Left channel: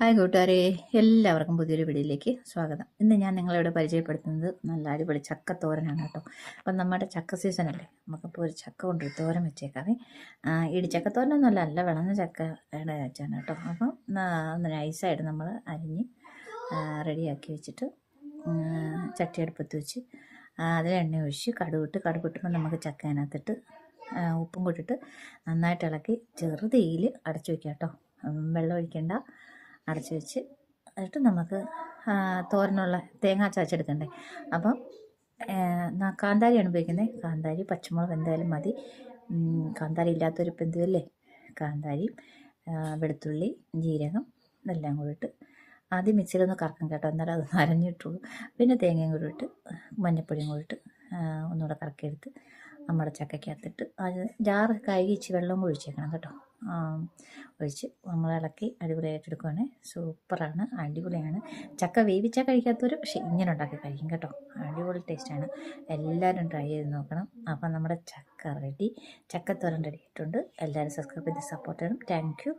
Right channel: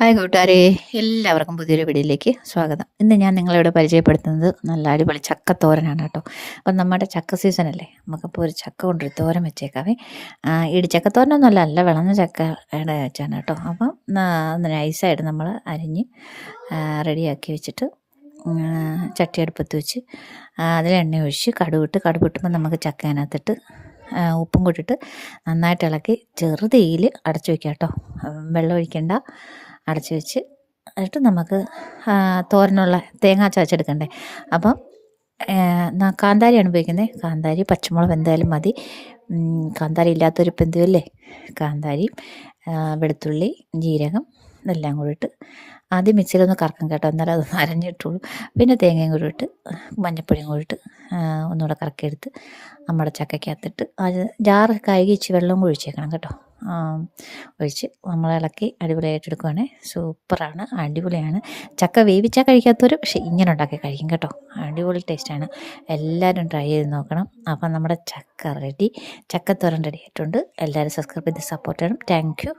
Hi കൂട്ടുകാരെ, എല്ലാവർക്കും പുതിയൊരു വീഡിയോയിലേക്ക് സ്വാഗതം. ഇന്ന് ഞാൻ നിങ്ങളോട് പരിചയപ്പെടുത്തുന്നത് നല്ല അടിപൊളി ചക്കത്തോരനാണ് കേട്ടോ. അപ്പം നമ്മുടെ ചക്ക സീസണല്ലേ, നമുക്കപ്പോൾ ഒരു ചക്ക കൊണ്ടൊരു തോരൻ വെച്ചേക്കാവേ. ഇടിച്ചക്കത്തോരനൊന്നുമല്ല, നല്ല വിളഞ്ഞ ചക്കയുടെ വെച്ചാണ് കേട്ടോ. അപ്പം നൈസായിട്ട് നമ്മൾ അരിഞ്ഞ് റെഡിയാക്കി വെച്ചിട്ട് ചട്ടി അടുപ്പത്ത് വെച്ച് അതിൽ എണ്ണ ഒഴിച്ച് കടുക് ഇട്ടുമ്പോൾ നമുക്ക് ചക്ക അതിനകത്തിട്ട് ഉപ്പും കൂട്ടിയിട്ട് നന്നായിട്ട് ഇളക്കി ചെറുതീയിൽ അടച്ചു വയ്ക്കാം കേട്ടോ. വെള്ളം ഒഴിക്കേണ്ട, അടച്ചു വെച്ച് എന്നിട്ട് നമുക്ക് തോരനുള്ള തേങ്ങ ചതച്ചെടുക്കണ്ടേ. അപ്പം കാന്താരിയാണ് ഉപയോഗിക്കുന്നത്. കാന്താരി പച്ചമുളക് എന്തായാലും മതി. കാന്താരി ഇല്ലാത്തൊരു പെന്തുവല്ലേ. കാന്താരിയും വെളുത്തുള്ളി, ജീരകം ഇതെല്ലാം കൂടി ഇട്ട് ആദ്യം മിക്സിയിലൊന്ന് കറക്കും കേട്ടോ, എന്നാലും അതൊന്ന് അരഞ്ഞിട്ടുള്ളൂ. പിന്നെ തേങ്ങയും കൂടി ഇട്ട് മഞ്ഞൾപ്പൊടിയും കൂടി ഇട്ട് ഒന്നുകൂടെ കറക്കിയെടുത്ത് നമ്മുടെ ചക്കയ്ക്കകത്തിട്ട് അത് ജാറ് കഴുകി ഇച്ചിരി വെള്ളം ഒഴിച്ചേക്കണം കേട്ടോ. ഒഴിച്ച് നമ്മൾ ഇളക്കി അടിപൊളിയായിട്ട് എടുക്കുവാണേ. സൂപ്പറാണ്, അടിപൊളിയാണ്. ചക്ക വേവിച്ചാൽ കഴിക്കാത്തവർ പക്ഷേ ഇങ്ങനെ ഉണ്ടാക്കി കഴിക്കും കേട്ടോ. അടിപൊളി ടേസ്റ്റാണ്. എല്ലാവരും ട്രൈ ചെയ്ത് നോക്കണം. അപ്പം നമ്മുടെ ചക്കത്തോരൻ റെഡി ആയിട്ടുണ്ട്. എല്ലാവരും സബ്സ്ക്രൈബ് ചെയ്ത് സപ്പോർട്ട് ചെയ്യണം. Thank you.